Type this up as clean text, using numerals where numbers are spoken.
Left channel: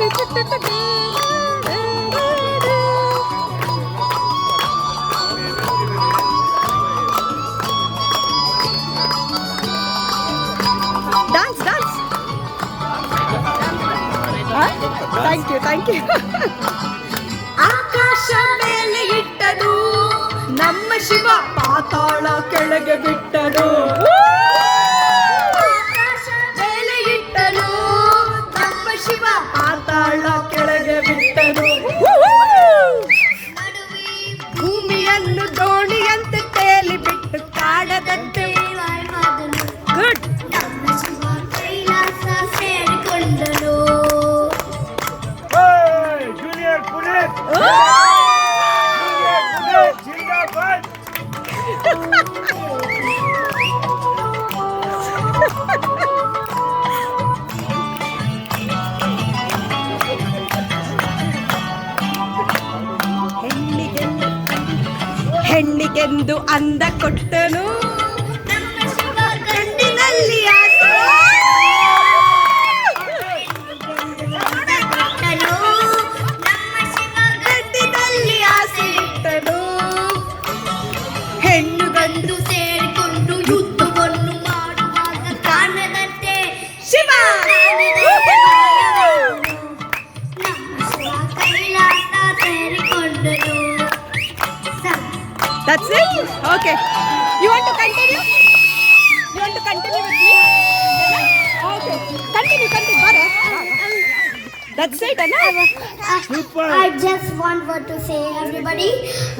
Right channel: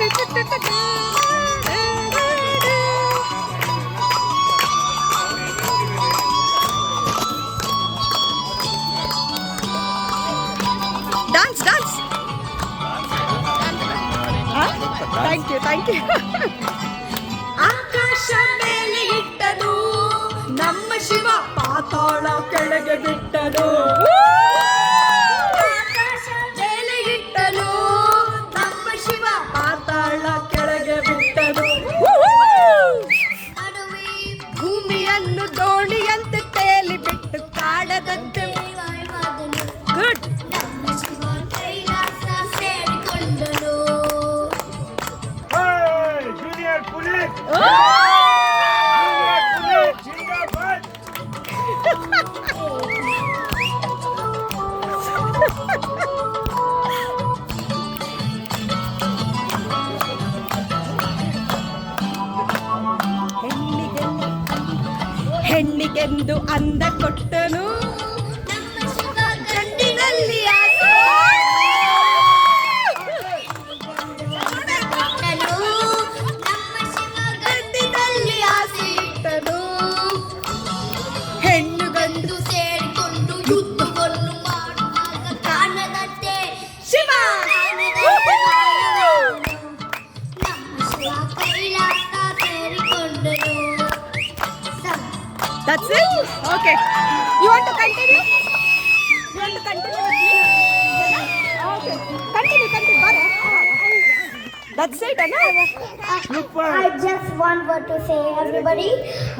Dance, dance. Thank you. ಆಕಾಶ ಮೇಲೆ ಇಟ್ಟನು ನಮ್ಮ ಶಿವ, ಪಾತಾಳ ಕೆಳಗೆ ಬಿಟ್ಟನು. ಆಕಾಶ ಮೇಲೆ ಇಟ್ಟನು ನಮ್ಮ ಶಿವ, ಪಾತಾಳ ಕೆಳಗೆ ಬಿಟ್ಟನು. ಭೂಮಿಯನ್ನು ದೋಣಿಯಂತೆ ತೇಲಿ ಬಿಟ್ಟು ಕಾಡದಂತೆ. ಗುಡ್. ಹೆಣ್ಣಿಗೆಂದು ಅಂದ ಕೊಟ್ಟನು ಕಣ್ಣಿನಲ್ಲಿ ಆಸೆ. ಕಣ್ಣಿನಲ್ಲಿ ಆಸೆ ಇಟ್ಟನು. ಹೆಣ್ಣು ಗಂಡು ಸೇರಿಕೊಂಡು ಯುದ್ಧವನ್ನು ಮಾಡುವಾಗ ಕಾಣದಂತೆ ಶಿವ. ನಮ್ಮ Kailasa ಸೇರಿಕೊಂಡನು. That's it? Okay. You want to continue? You want to continue with me? Okay. Continue. Bye. That's it, Anna? I just want what to say, everybody.